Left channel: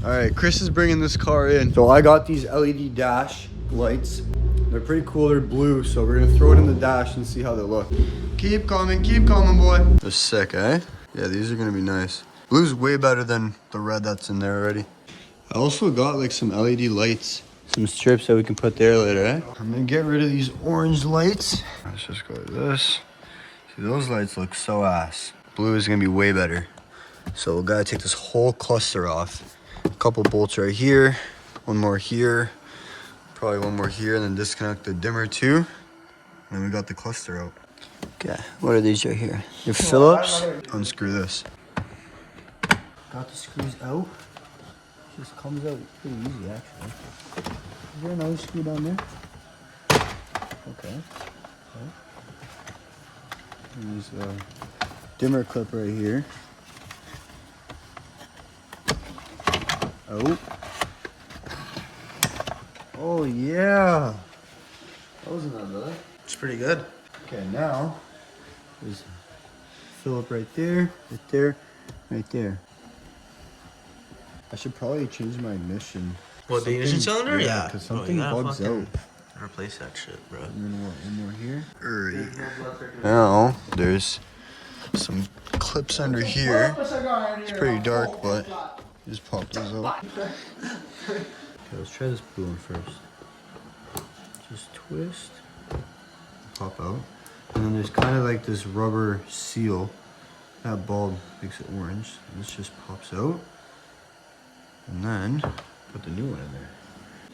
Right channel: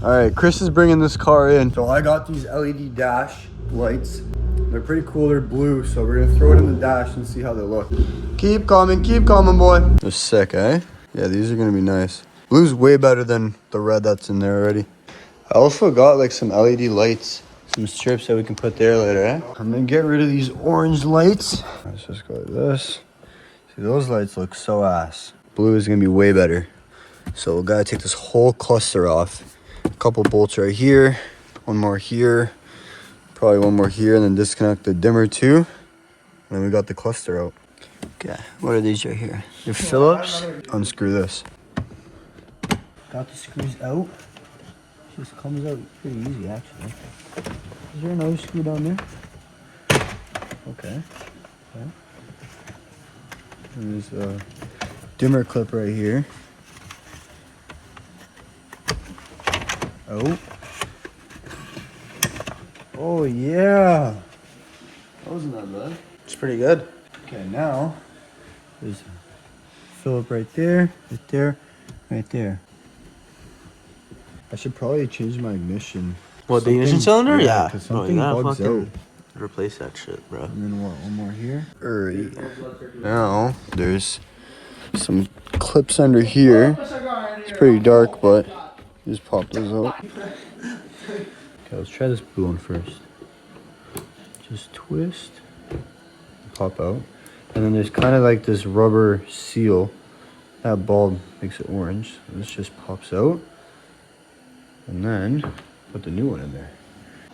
All right, Chris is bringing this car in. So I got these LED dash lights. They're pretty cool, they're blue. So we're gonna throw it in the dash and see how they look. Keep coming, boy. That's sick, eh? Yeah, these are gonna be nice. Blue's way better than the red that's in there already. I also got like some LED lights, some strips that we can put there later, eh? I'm gonna get rid of these orange lights. Let's just go like this. See, those lights look so ass. Blue is gonna be way better. So we gotta take this whole cluster off. A couple bolts right here, one more here, probably one more here, and then disconnect the dimmer too. And then we got the cluster out. Okay, what are these right here? Your Phillips. Unscrew this. Got the screws out. Just comes out pretty easy actually. Is there another screw down there? Okay. There's a dimmer clip right here. Oh. Oh yeah. That wasn't that bad. It's pretty good. Okay, now there's a Phillip right there, right there, right there. I should probably change my ignition. What, the ignition cylinder? Yeah. Because something bugs out. Replace that shit, bro. And then what, one more here? Alright. Now, there's some clips under here. It's pretty dark, but just pop those out. Okay, let's try this blue one first. Just twist, pop out. And then there's kind of like this rubber seal. That bulb makes it orange. So this just pops out. And then put the new one in there.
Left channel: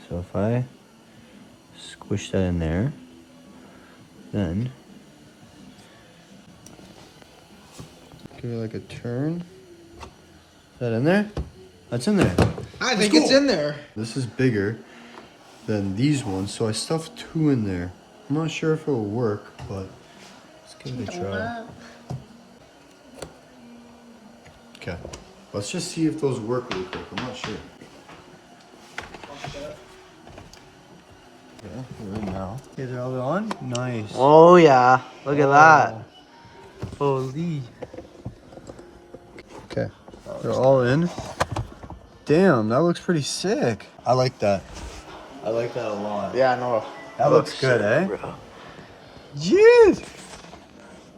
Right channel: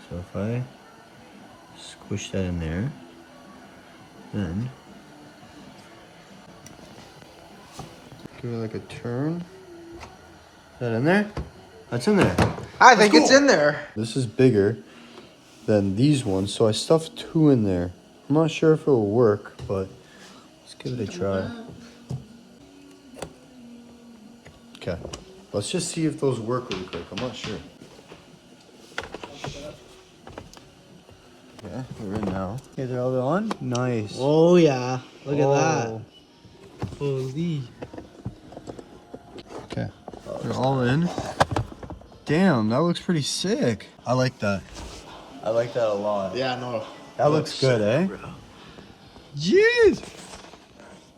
So if I squish that in there, then give it like a turn. Is that in there? That's in there. I think it's in there. This is bigger than these ones, so I stuffed two in there. I'm not sure if it will work, but let's give it a try. Okay, let's just see if those work really quick. I'm not sure. Okay, we're in now. Okay, they're all on? Nice. Oh, yeah. Look at that. Holy. Okay, they're all in. Damn, that looks pretty sick. I like that. I like that a lot. Yeah, no. That looks good, eh? Bro. Jeez!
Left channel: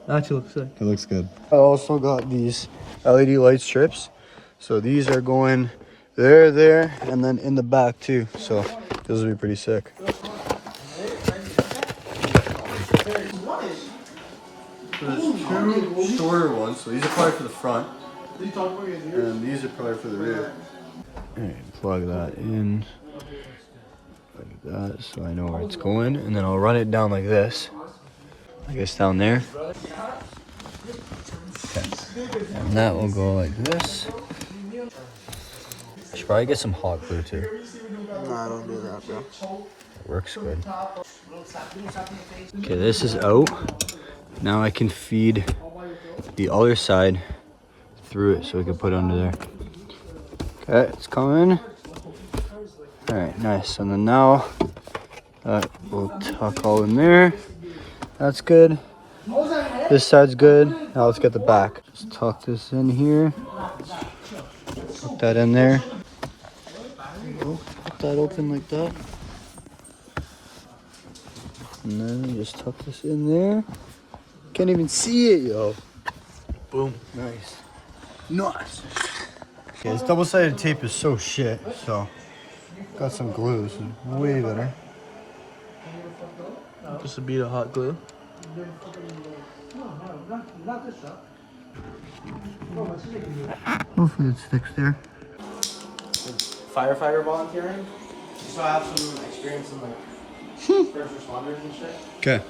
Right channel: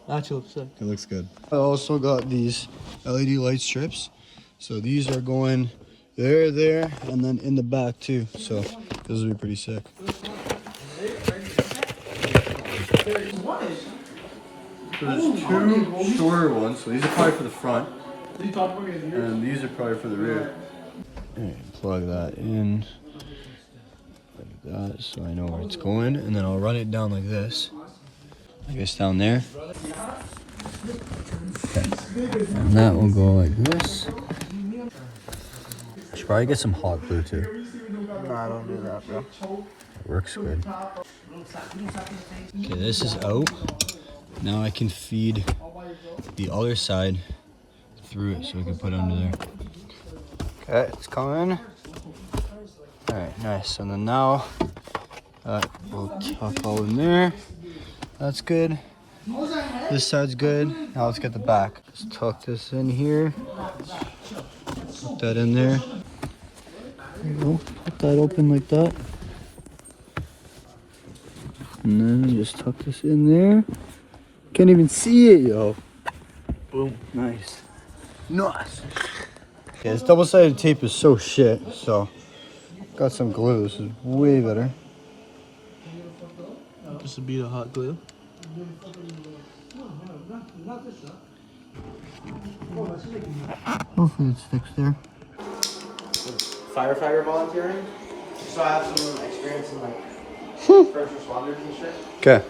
Actually looks sick. It looks good. I also got these LED light strips. So these are going there, and then in the back too. So those will be pretty sick. So there's two shorter ones. So these are probably for the front. And these are probably for the rear. Alright, plug that in. Like that, so I know where it's going. And then I'll run it down like this. I guess down there. And that will go like this. Should probably get some hot glue too. No, I don't do that, bro. It works good. Okay, this is out. Now I can feed the other side through it so we can put it under there. Okay, it's coming. Alright, nice. And then now that will tuck all in there. That's good. This side's good. Now let's get the back. Let's tuck this in here. Put that in there. There you go. Put that open like that. And then just tuck this in there. Can't even see it, yo. Boom. Nice. Nice. Okay, this double-sided tape is so shit, so got some glue. This is way better. Just a bead of hot glue. Hopefully it sticks there. Firefighter volunteering. So I have some experience in like first responders and shit. Okay.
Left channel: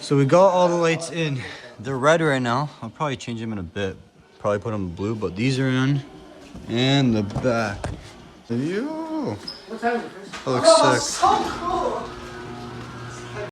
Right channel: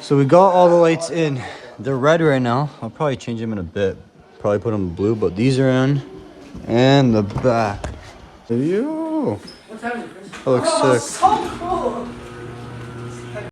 So we got all the lights in. They're red right now. I'll probably change them in a bit. Probably put them blue, but these are in. And the back. Yo. That looks sick. So cool.